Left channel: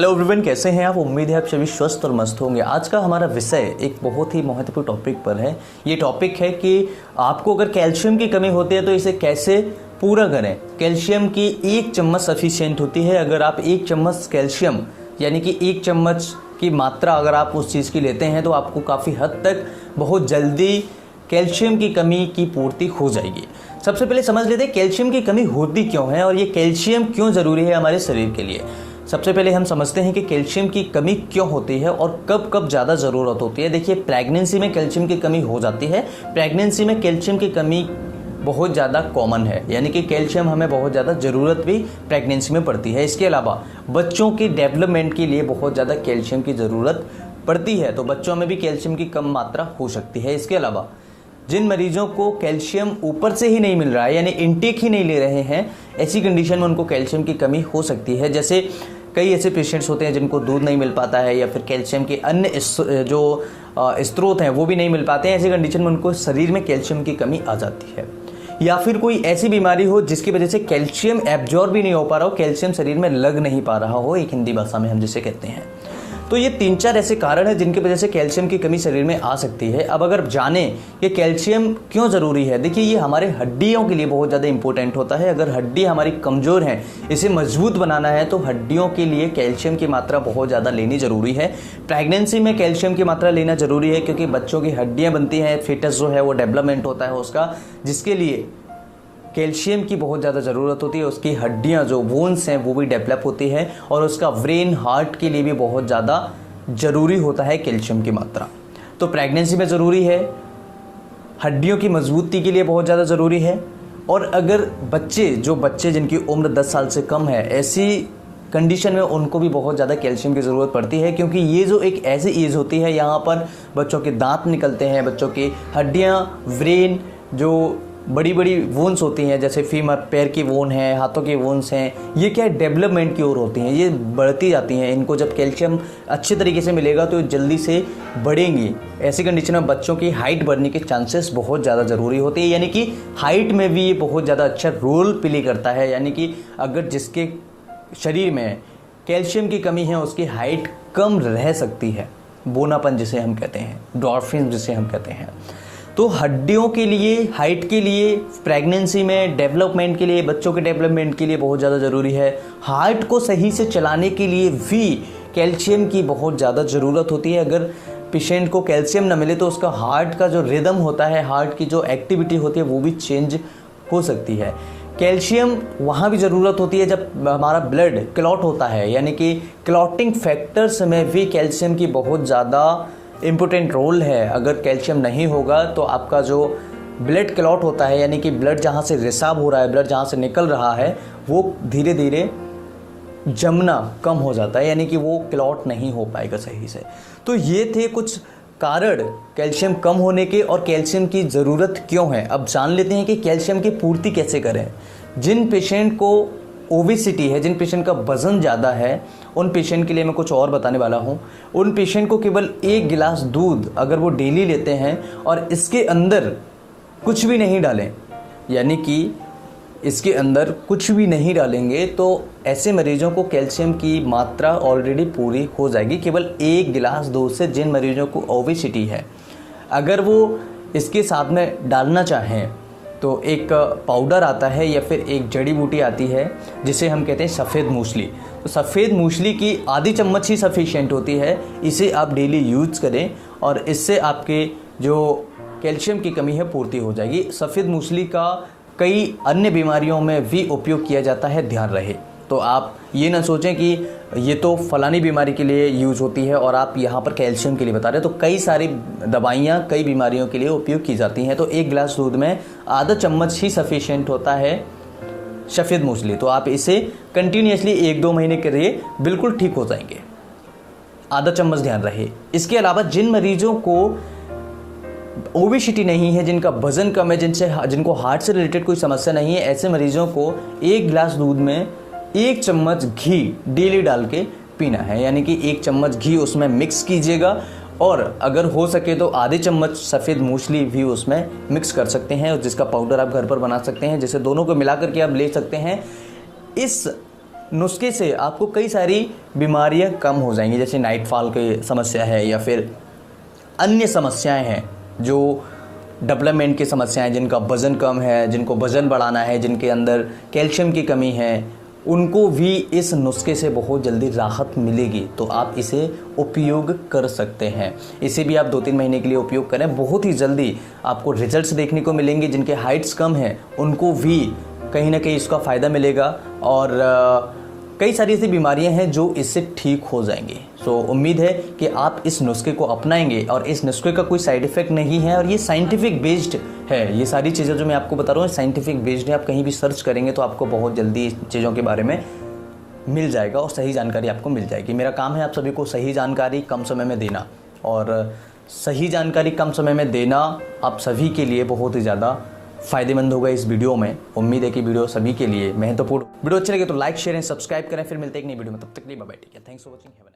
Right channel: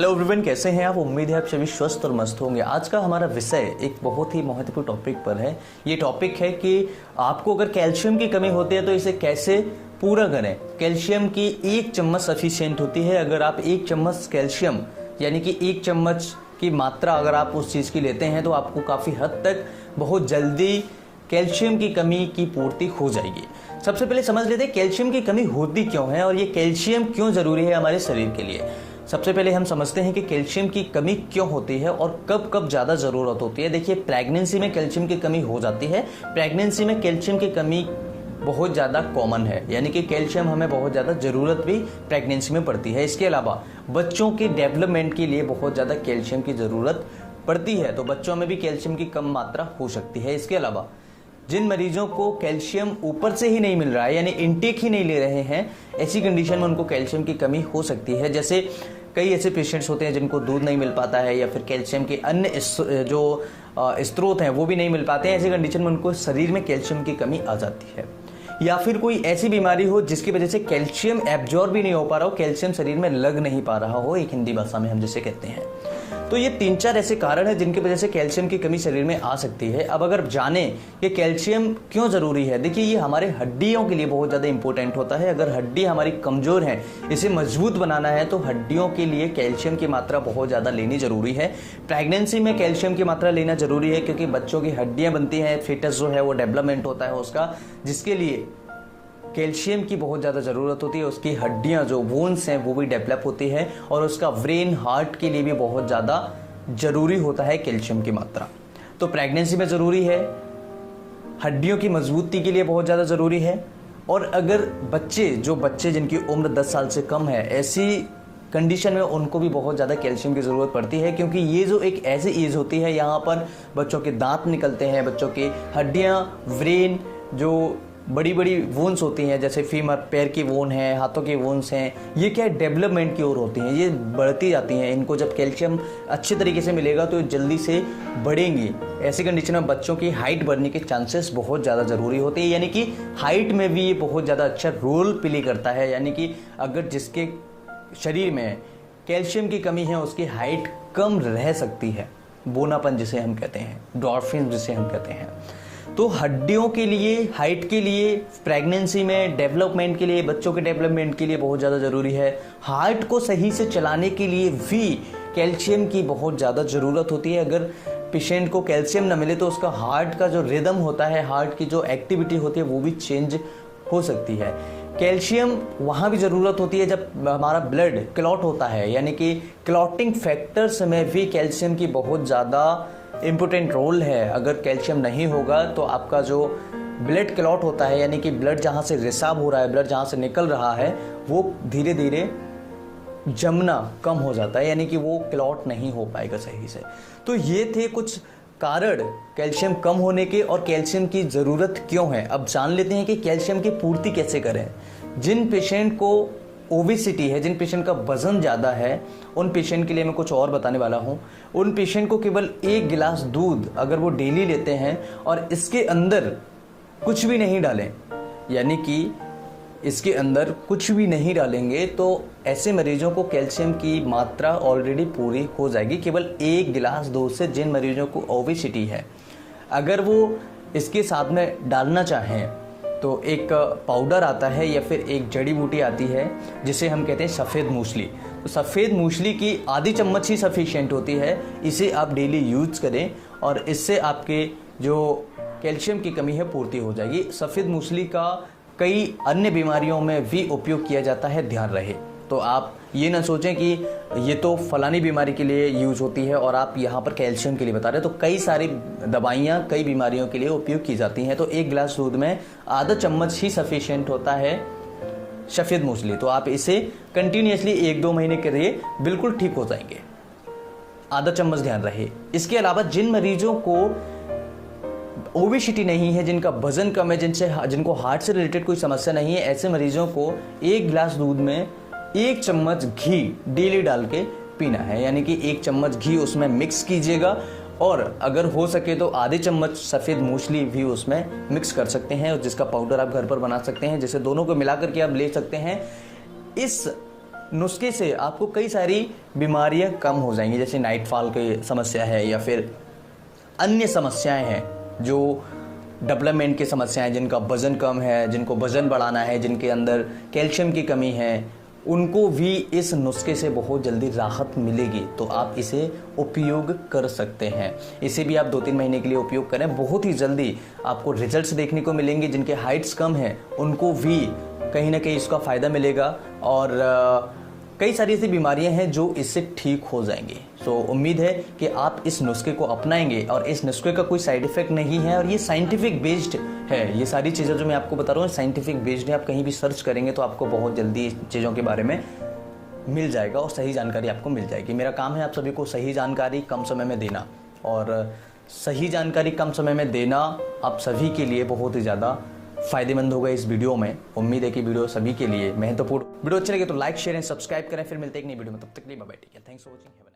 Hello everyone, कैसे हैं आप। उम्मीद है आप सभी स्वस्थ और मस्त होंगे। आज का हमारा विषय एक बहुत ही महत्वपूर्ण टॉपिक पर है। ये टॉपिक है कि आपको अगर कैल्शियम की कमी होती है तो इसे कैसे पूरा करें। कैल्शियम की 1 चम्मच सफिशिएंट होती है। अगर आप 1 चम्मच कैल्शियम यानी कि 1 चम्मच की मात्रा अगर आप उस चीज़ की लेते हैं तो आपको काफ़ी हद तक बहुत जल्दी कैल्शियम की कमी की पूर्ति हो जाएगी। सबसे पहले समझ लेते हैं कैल्शियम की कमी होती क्यों है और ये कैल्शियम क्यों ज़रूरी है हमारे शरीर के लिए। सबसे पहले हम समझते हैं कि कैल्शियम की कमी क्यों होती है और कब कब ज़्यादा ज़रूरत होती है। देखिए, प्रेगनेंसी में कैल्शियम की कमी हो जाती है। प्रेगनेंसी में कैल्शियम की कमी बहुत ज़्यादा कॉमन है, यानी कि कैल्शियम हमें बहुत ज़्यादा ज़रूरत भी प्रेगनेंसी में पड़ती है। इसके अलावा बच्चों के डेवलपमेंट के लिए बहुत ज़्यादा कैल्शियम की ज़रूरत पड़ती है, तो बच्चों में भी कैल्शियम की कम मात्रा हो सकती है। इसके अलावा जिन मरीजों को कैल्शियम ऊपर से ही नहीं मिल रहा है, यानी इनटेक ही नहीं ले रहे हैं, ऐसी कंडीशन में उनको कैल्शियम की कमी हो सकती है। जैसे कई ऐसे पेशेंट्स होते हैं जिनको दूध नहीं मिल पाता है या फिर कैल्शियम के अन्य जो स्रोत हैं वो भी नहीं मिल पाते हैं। ऐसी कंडीशन में उनको शरीर में कैल्शियम की कमी आ जाती है। या फिर कोई ऐसी बीमारी हो जिसकी वजह से कैल्शियम एब्जॉर्ब भी नहीं हो पा रहा हो, कैल्शियम शरीर में लग नहीं पा रहा हो, एक हिंदी भाषा में हम जिसे कहते हैं। तो ये 3-4 ऐसे कारण हैं जिनकी वजह से कैल्शियम की कमी शरीर में आ सकती है। अब अगर जाने कि कैल्शियम क्यों ज़रूरी है, देखिए ये हमारे हड्डियों के लिए बहुत ज़्यादा इंपॉर्टेंट होता है। अगर हड्डी हमारी कमज़ोर है, इसे मजबूत बनाना है तो हड्डियों के लिए कैल्शियम की मात्रा बहुत ज़्यादा लेनी ज़रूरी है। प्रेगनेंसी में कैल्शियम की मात्रा लेना ज़रूरी है क्योंकि बच्चों की हड्डियाँ बनती हैं, फिटस जो है वो डेवलपमेंट होता है उसका, जिसके लिए कैल्शियम की बहुत ज़्यादा ज़रूरत होती है। उसकी हड्डियाँ जो बोन्स हैं वो भी डेवलप होती है और उसका ब्रेन हार्ट के लिए भी बहुत ज़्यादा ज़रूरी होता है कैल्शियम की मात्रा। तो प्रेगनेंसी में ज़रूरी है, हड्डियों की मजबूती के लिए बहुत ज़्यादा ज़रूरी है। और अगर बच्चे जिनकी उम्र 10 साल से कम है, ऐसी कंडीशन में उनको भी बहुत ज़्यादा कैल्शियम की ज़रूरत पड़ती है क्योंकि ये जो एक ऐसी एज होती है यहाँ पर बच्चों के दांत निकलते हैं, बच्चों की हड्डियाँ, ब्रेन, जो बड़ी बड़ी वोन्स होती हैं जैसे फीमर, पैर की वोन है, हाथों की वोन्स हैं, ये क्या डेवलपमेंट की ओर होती हैं, ये बढ़ती जाती हैं। इनको जब कैल्शियम अच्छे तरीके से मिलेगा तो जल्दी से बढ़ेंगी। ऐसी कंडीशन में बच्चों की हाइट बढ़ने के चांसेस बहुत ज़्यादा ज़रूरी होती है, यानी कि हाइट में भी ये बहुत ज़्यादा अच्छा रोल प्ले करता है। यानी कि अगर जिसके शरीर में कैल्शियम की कमी है उसकी हाइट कम रह सकती है, बोनापन जिसे हम कहते हैं, डॉर्फिन जिसे हम कहते हैं। तो हड्डियों के लिए, हाइट के लिए, प्रेगनेंसी में डेवलपमेंट के लिए, बच्चों के डेवलपमेंट के लिए बहुत ज़्यादा ज़रूरी है। हार्ट को सही से चलाने के लिए भी कैल्शियम की बहुत ज़्यादा ज़रूरत होती है। अगर पेशेंट को कैल्शियम न मिले तो उसका हार्ट का जो रिदम होता है, हार्ट की जो एक्टिविटी होती है वो भी चेंज हो सकती है। कैल्शियम वहाँ भी ज़रूरत होती है जब हमारा ब्लड क्लॉट होता है, यानी कि क्लॉटिंग फैक्टर्स में भी कैल्शियम की बहुत ज़्यादा इम्पोर्टेंट रोल है। अगर कैल्शियम नहीं होगा तो आपका जो ब्लड क्लॉट होता है, यानी कि ब्लड जहाँ से रिसाव हो रहा है, ब्लड जहाँ से निकल रहा है, वो धीरे धीरे जमना कम हो जाता है, यानी कि वो क्लॉट नहीं हो पाएगा सही से। तो ये थे कुछ कारण कैल्शियम कम होने के और कैल्शियम की ज़रूरत क्यों है। अब जान लेते हैं कि कैल्शियम की पूर्ति कैसे करें। जिन पेशेंट को ओबेसिटी है, जिन पेशेंट का वजन ज़्यादा है, उन पेशेंट के लिए मैं कुछ और बताने वाला हूँ। उन पेशेंट को केवल 1 गिलास दूध अगर वो डेली लेते हैं और इसके अंदर कुछ भी नहीं डालें, यानी कि इसके अंदर कुछ भी नहीं डालेंगे, तो ऐसे मरीजों को कैल्शियम की मात्रा ऑलरेडी पूरी हो जाएगी केवल 1 गिलास दूध से। जिन मरीजों को ओबेसिटी है, अगर वो इसके साथ में डालना चाहें तो एक पाउडर आता है या फिर एक जड़ी बूटी आती है जिसे हम कहते हैं सफ़ेद मूसली। तो सफ़ेद मूसली की आधी चम्मच ही सफिशिएंट होती है। इसे आप डेली यूज़ करें और इससे आपके जो कैल्शियम की कमी है पूर्ति हो जाएगी। सफ़ेद मूसली का कई अन्य बीमारियों में भी उपयोग किया जाता है, ध्यान रहे। तो आप ये ना सोचें कि ये तो फलानी बीमारी के लिए यूज़ होती है और आप यहाँ पर कैल्शियम के लिए बता रहे हैं। तो कई सारी दवाइयाँ कई बीमारियों के लिए उपयोग की जाती हैं। तो 1 गिलास दूध में आधा चम्मच ही सफिशिएंट होता है सफ़ेद मूसली। तो आप इसे कंटिन्यूसली 1-2 महीने के लिए बिल्कुल ठीक हो जाएंगे। आधा चम्मच ध्यान रहे। इसके अलावा जिन मरीजों को ओबेसिटी नहीं है, जिनका वजन कम है, जिनको हार्ट से रिलेटेड कोई समस्या नहीं है, ऐसे मरीजों को 1 गिलास दूध में 1 चम्मच घी डेली डाल के पीना है। यानी कि 1 चम्मच घी उसमें मिक्स कीजिएगा और अगर हो सके तो आधे चम्मच सफ़ेद मूसली भी उसमें मिक्स कर सकते हैं, जिसका पाउडर आप घर पर बना सकते हैं, जिसे दोनों को मिला करके आप ले सकते हैं। इस नुस्खे से आपको कई सारी बीमारियां कम हो जाएंगी, जैसे नाइटफॉल की समस्या है या फिर अन्य समस्याएं हैं जो डेवलपमेंट की समस्याएं, जिनका वजन कम है, जिनको वजन बढ़ाना है, जिनके अंदर कैल्शियम की कमी है, उनको भी इस नुस्खे से बहुत जल्दी राहत मिलेगी। तो आप इसे उपयोग कर सकते हैं। इसे भी आप 2-3 महीने के लिए उपयोग करें, बहुत ही जल्दी आपको रिजल्ट्स देखने को मिलेंगे। जिनके हाइट्स कम हैं उनको भी कहीं ना कहीं इसका फ़ायदा मिलेगा और कई सारी ऐसी बीमारियां हैं जो इससे ठीक हो जाएंगी। सो उम्मीद है कि आप इस नुस्खे को अपनाएंगे और इस नुस्खे का कोई साइड इफेक्ट नहीं है और ये साइंटिफिक बेस्ड है। ये सारी चीज़ें जो मैं आपको बता रहा हूँ साइंटिफिक बेस्ड है। आप कहीं भी सर्च करेंगे तो आपको बहुत जल्दी इस चीज़ों के बारे में मिल जाएगा और सही जानकारी आपको मिल जाएगी। मेरा काम है आप सभी को सही जानकारी कम समय में देना, और सही जानकारी कम समय में देना आप सभी के लिए बहुत ही ज़्यादा फायदेमंद होगा इस वीडियो में। उम्मीद है कि वीडियो सभी के लिए महत्वपूर्ण। वीडियो अच्छी लगे तो लाइक शेयर एंड सब्सक्राइब करें। फिर मिलते हैं एक नई वीडियो में, तब तक के लिए bye bye. Take care, thanks for watching.